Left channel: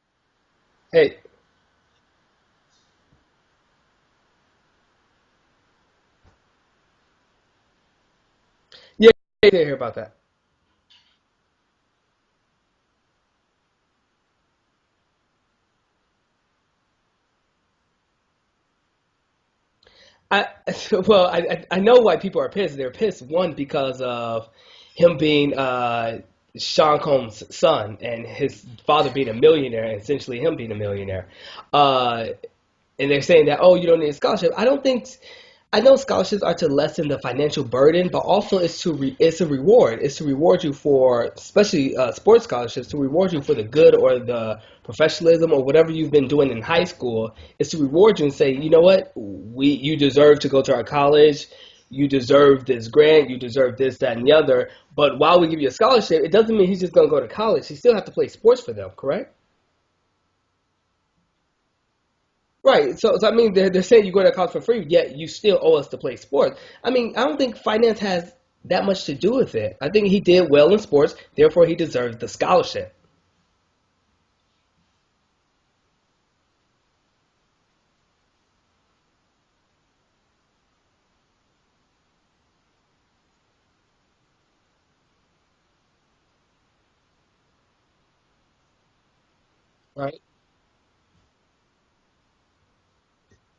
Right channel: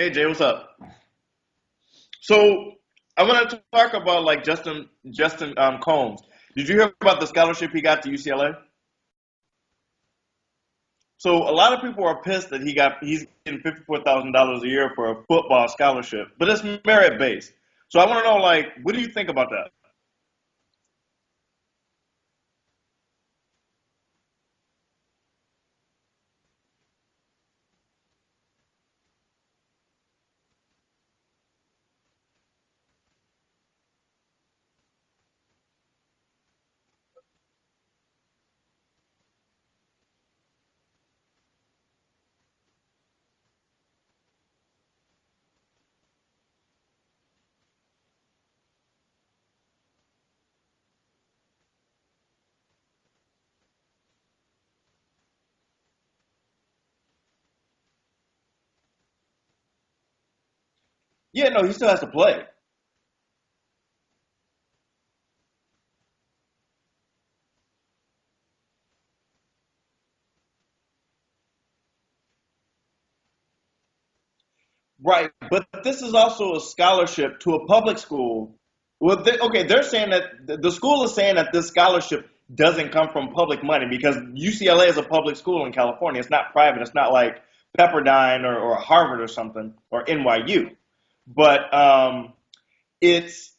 Hey Jay, what's up? Hey, So I want to talk about like Justin Combs. Did you hear about the scholarship he got to UCLA? yeah, I didn't hear about that. So a lot of people are pissed that he's getting $54,000 a year for a football scholarship, but it's merit based. So I want to know like, what do you think about that? I well, I know why people are pissed. They're pissed one because of him being Sean Combs' son and his father being a millionaire, and essentially him being a millionaire. Uh, and they're saying that, oh, you don't need a scholarship. I don't think. I know scholarships are to lessen the financial burden, but also it's a reward. It's to reward you for, especially sports scholarships, to reward you for the good or the professionalism or whatever you've been doing in high school. It's to reward you and say, you know what, you deserve to go to our college. You deserve this grant. You deserve this, that, and the other. But while we give you a scholarship, it doesn't mean he's just going to go to college. He still has to play sports for them, correct? Yeah, no, he still has to play. Right. So I mean, they're saying you go to college for free, yet you still owe us to play sports. I mean, I don't think finance has that much to do with it. I think he did well in sports, therefore he deserves the scholarship. Right, but this is also a scholarship to a public school. Well, okay, they're saying that the school is saying that this scholarship doesn't come from public money because UCLA is a public school in California. It's not private. It's not like Pepperdine or Harvard or something or Right. NYU. But it's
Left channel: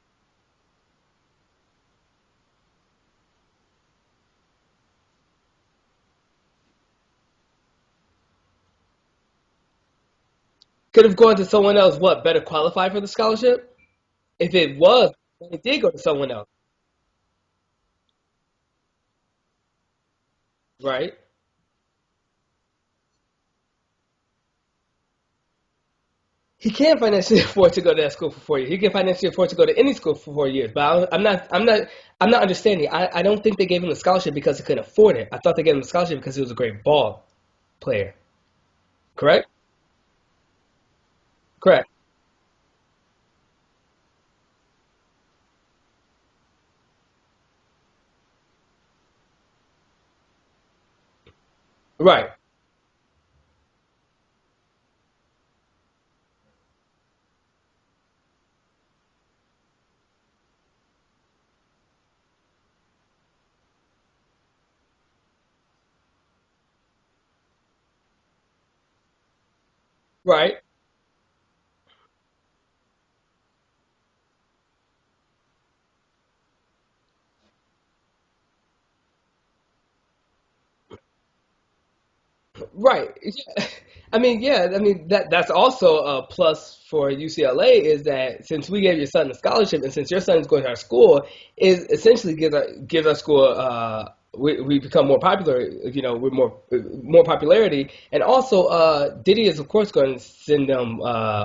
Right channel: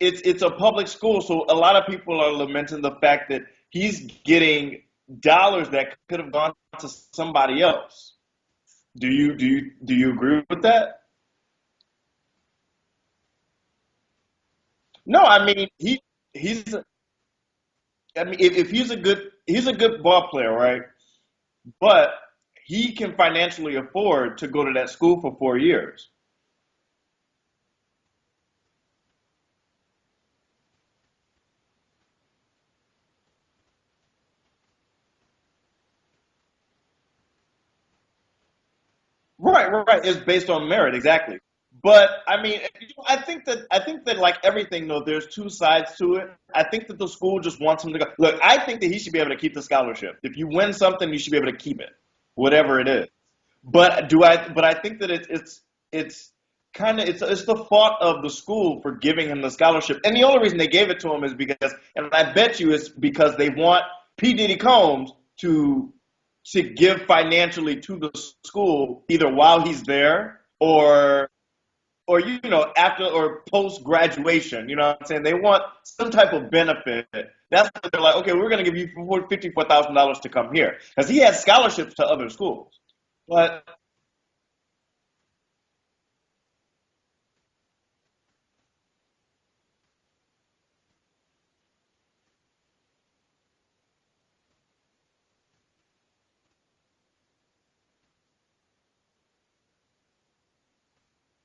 it's a public school, so a lot of people are lamenting the fact that he's getting dollars that could have gone to somebody else. Do you agree with that? Could have gone to someone else. What better qualified for the scholarship? If it was, No, I it mean did go to someone else, he's I mean if he's a good ball player, right? right? But he can financially afford to go to that school for 4 years. He can't financially afford to go to that school for 4 years. He can financially afford to go to any school for 4 years. But I'm not understanding. I don't think they gave him the scholarship because he couldn't afford it. I thought they gave him the scholarship because he was a great ball player. Correct? Right. It's based on merit, exactly. Correct. But I mean, I think that like everything though, there's two sides to it. I think that the school just wants him to go. Look, I think that he should be able to keep the scholarship. If you win something, you should be able to keep it, Right. whatever it is. But do I? But I think that it's kind of it's the fault of the school for giving him the scholarship. And the only reason they gave it to him is because, and I bet you it's because they want P Diddy Combs to give financially to the school either while he's there Right. or after or post graduation. You know what I'm saying? They want some type of benefit. That's why they're like, okay, we're going to give you $54,000 to come here because he has scholarships to other schools. Right. But I mean, yeah. I mean that's also a plus for UCLA is that since we gave your son a scholarship and since your son is going to our school, is essentially gives our school we become more popular, with more popularity, and also Diddy is of course going to send them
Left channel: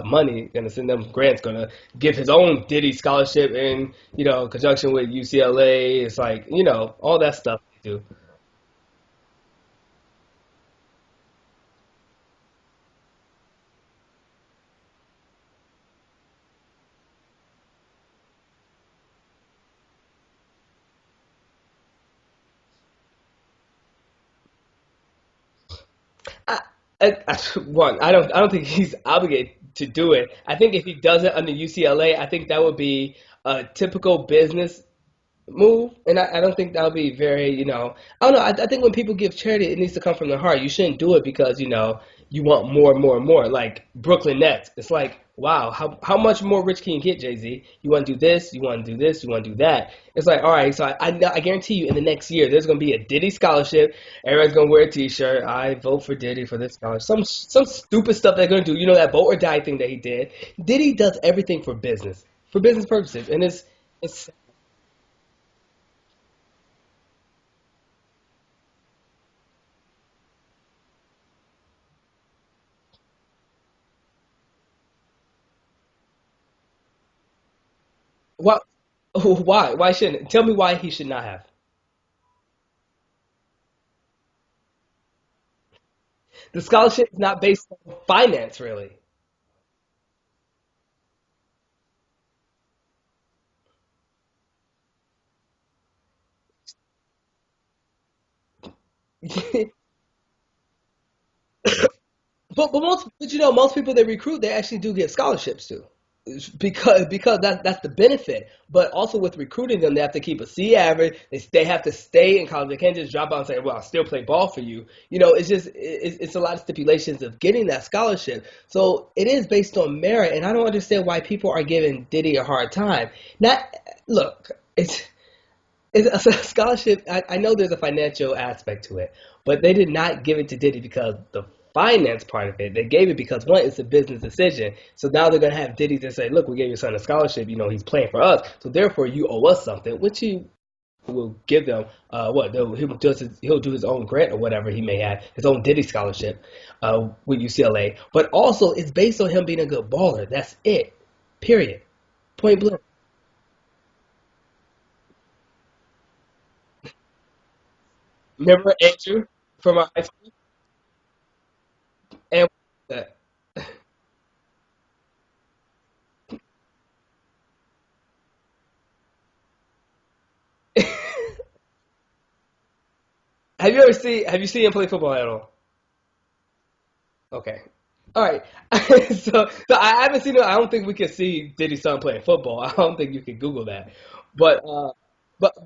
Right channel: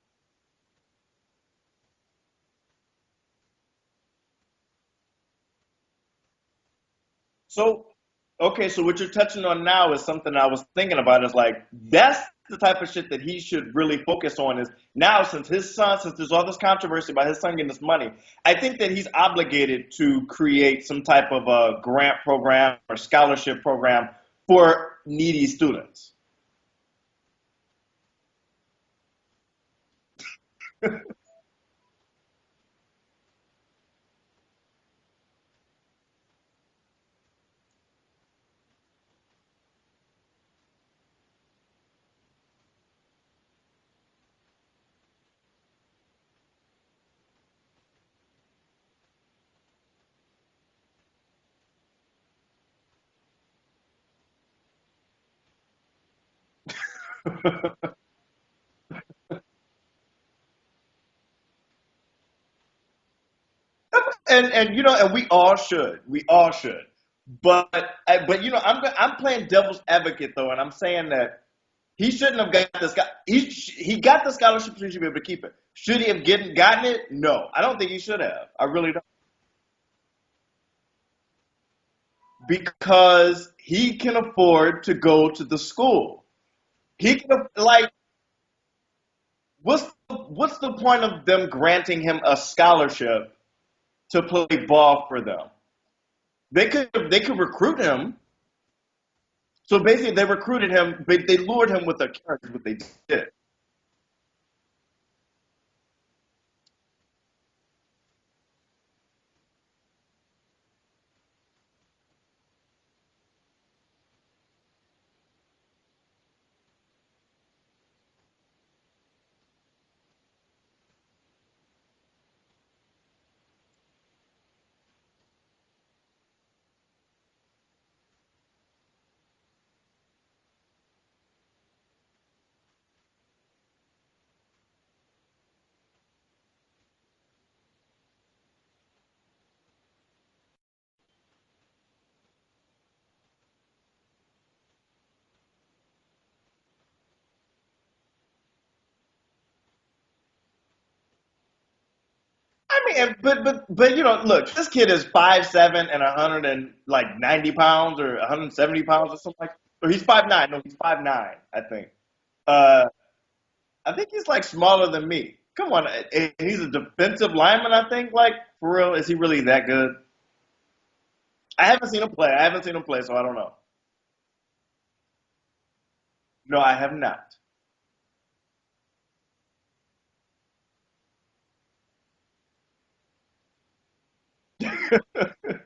money, going to send them grants, going to give his own Diddy scholarship in conjunction with UCLA. It's like all that stuff so too. okay, so what you're touching on now is something I was thinking about. Is like that's the type of shit that he should really focus on. Is now since there's all this controversy about his son getting this money, I think that he's obligated to create some type of a grant program or scholarship program for needy students. I, one, I don't think he's obligated to do it. I think if he does it under UCLA, I think that would be a typical business move, and I don't think that would be very, I don't know. I think when people give charity, it needs to come from the heart. You shouldn't do it because you want more and more and more. Like Brooklyn Nets, it's like, wow, how much more rich can you get, Jay Z? You want to do this, you want to do this, you want to do that. It's like, all right, so I guarantee you, in the next year, there's going to be a Diddy scholarship. Everyone's going to wear a T-shirt. I vote for Diddy for this scholarship. Some stupid stuff they're going to do. that vote or die thing that he did. Diddy does everything for business purposes, and it's And we all should. But I'm playing devil's advocate though, and I'm saying that he shouldn't have got this guy. He got the scholarship, so he should be able to keep it. Should he have gotten it? No, I don't think he should have. what? I really don't. Why shouldn't? Tell me why he should not have. Because he can afford to go to the school. The scholarship He is not can based like on finance, really. what's the point of them granting him a scholarship to play ball for them? They could recruit him. So basically, they recruited him, but they lured him with a carrot. is what But they most, did. but most people they recruit, they actually do get scholarships too, because that's the benefit. But also with recruiting them, they have to keep a C average. They have to stay in college. They can't just drop out and say, "Well, I'll still play ball for you." It's just it's a lot of stipulations of getting that scholarship. So it is based on merit, and I don't understand why people are giving Diddy a hard time. Not look, it's a scholarship. I know there's a financial aspect to it, but they did not give it to Diddy because the finance part of it. They gave it because one, it's a business decision. So now they're gonna have Diddy to say, "Look, we gave your son a scholarship. He's playing for us. So therefore, you owe us something," which he will give them. He'll do his own grant or whatever he may have, his own Diddy scholarship with UCLA. But also, it's based on him being a good baller. That's it. Period. Point blank. I mean, but look, this kid is 5'7" and 190 pounds or Remember 170 pounds or Andrew something like from that. our No, he's 5'9". No, he's 5'9", I think. and Uh, I think he's like smaller than me. Come on, he's a defensive lineman. I think, like, for real, is he really that good? I haven't seen him play. So I don't know. Have you seen him play football at all? No, I have not. Okay. All right. So I haven't seen it. I don't think we can see Diddy's son playing football. I don't think you can Google that. But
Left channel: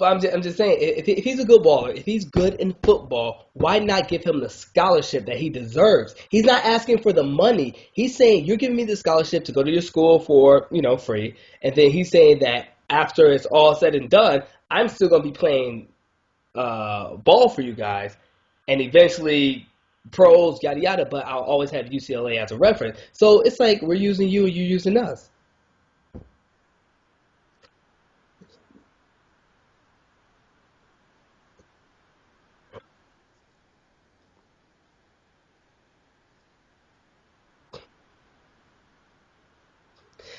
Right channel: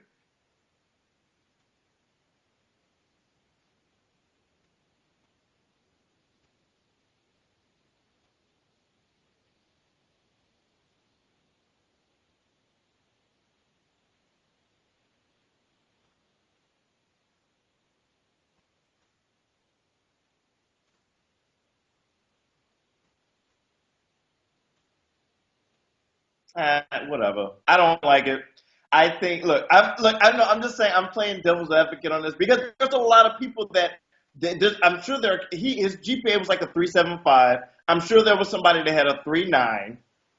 I'm just saying, if he's a good baller, if he's good in football, why not give him the scholarship that he deserves? He's not asking for the money. He's saying, you're giving me the scholarship to go to your school for, free. And then he's saying that after it's all said and done, I'm still going to be playing ball for you guys. And eventually pros, yada, yada, but I'll always have UCLA as a reference. So it's like we're using you and you're using us. Whatever. I don't like it. I think. I know. I'm just saying. I'm playing devil's advocate on this because there's a lot of people that. I'm sure his GPA was like a 3.75. I'm sure there was somebody that had a 3.9.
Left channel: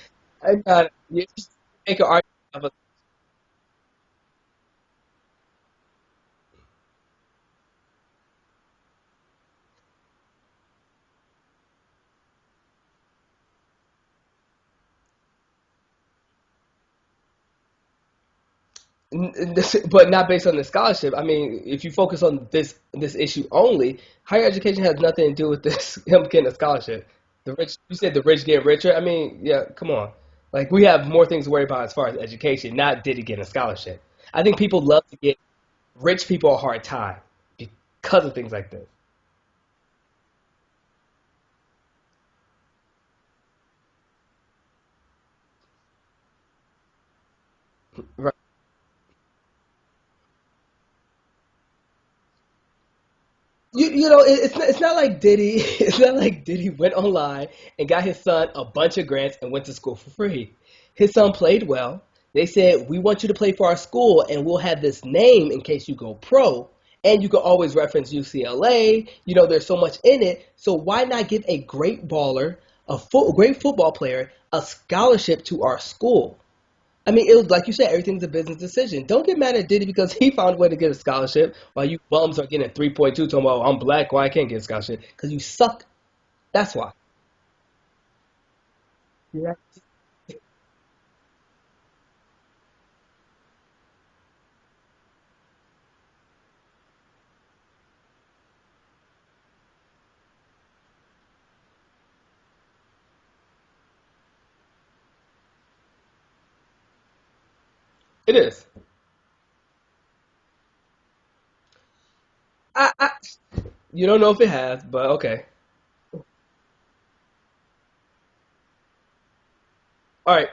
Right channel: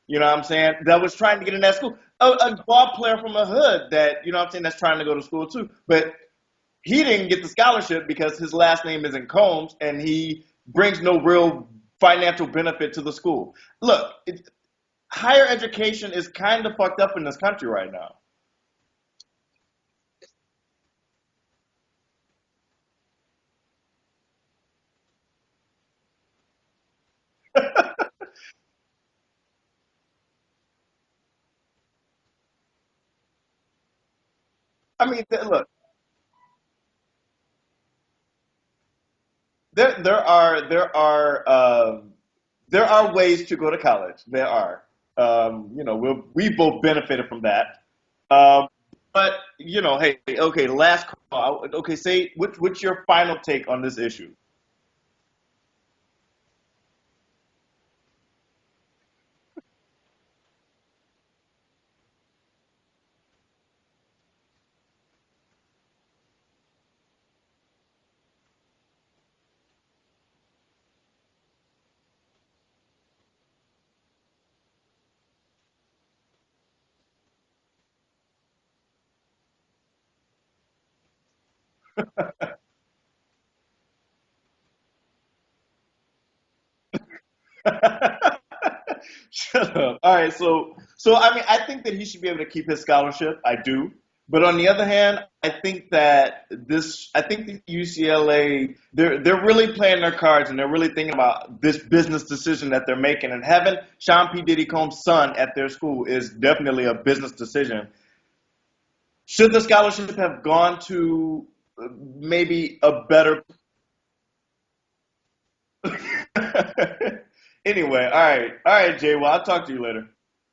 You know what I'm saying? That was trying to get in that school. A ball player from a hood that that's trying to go to school too. But he didn't get the scholarship because his last name isn't Combs, and he brings no real financial benefit to the school. Look, higher education is kind of fucked up in this country right now. But not based on the scholarship. I mean, if you focus on this issue only, higher education has nothing to do with him getting a scholarship. You said the rich get richer. I mean, yeah, come on. Like, we have more things to worry about as far as education, not did he get a scholarship. I think people love to get rich people a hard time because of things like this. There are ways to go to college. There are. We both benefited from that. Right. But hey, okay, last call. Okay, say what's your final take on this? It's not like Diddy. It's not like Diddy went online and got his son a bunch of grants and went to school for free. His son played well. They said, we want you to play for our school, and we'll have this name in case you go pro. And you can always reference UCLA. There's so much in it. So why not give a great baller, a great football player, a scholarship to our school? I mean, it was like you said, everything's a business decision. Don't get mad at Diddy because he found a way to get a scholarship while you bums are getting a 3.2 talking about, I'm black, why I can't get a scholarship? Because you suck. That's why. Yeah. Shut up. All right, so I mean, I think that he should be able to keep his scholarship. I do. But on the other hand, I think that UCLA, they're really playing their cards and they're really thinking about this business decision that they're making. And having Sean P. Diddy Combs' son at their school is definitely a business decision. It is. Should the scholarship have gone to maybe better? You don't know if it has, but okay. Anyway, all right, Jay. Well, I'll talk to you later. All right.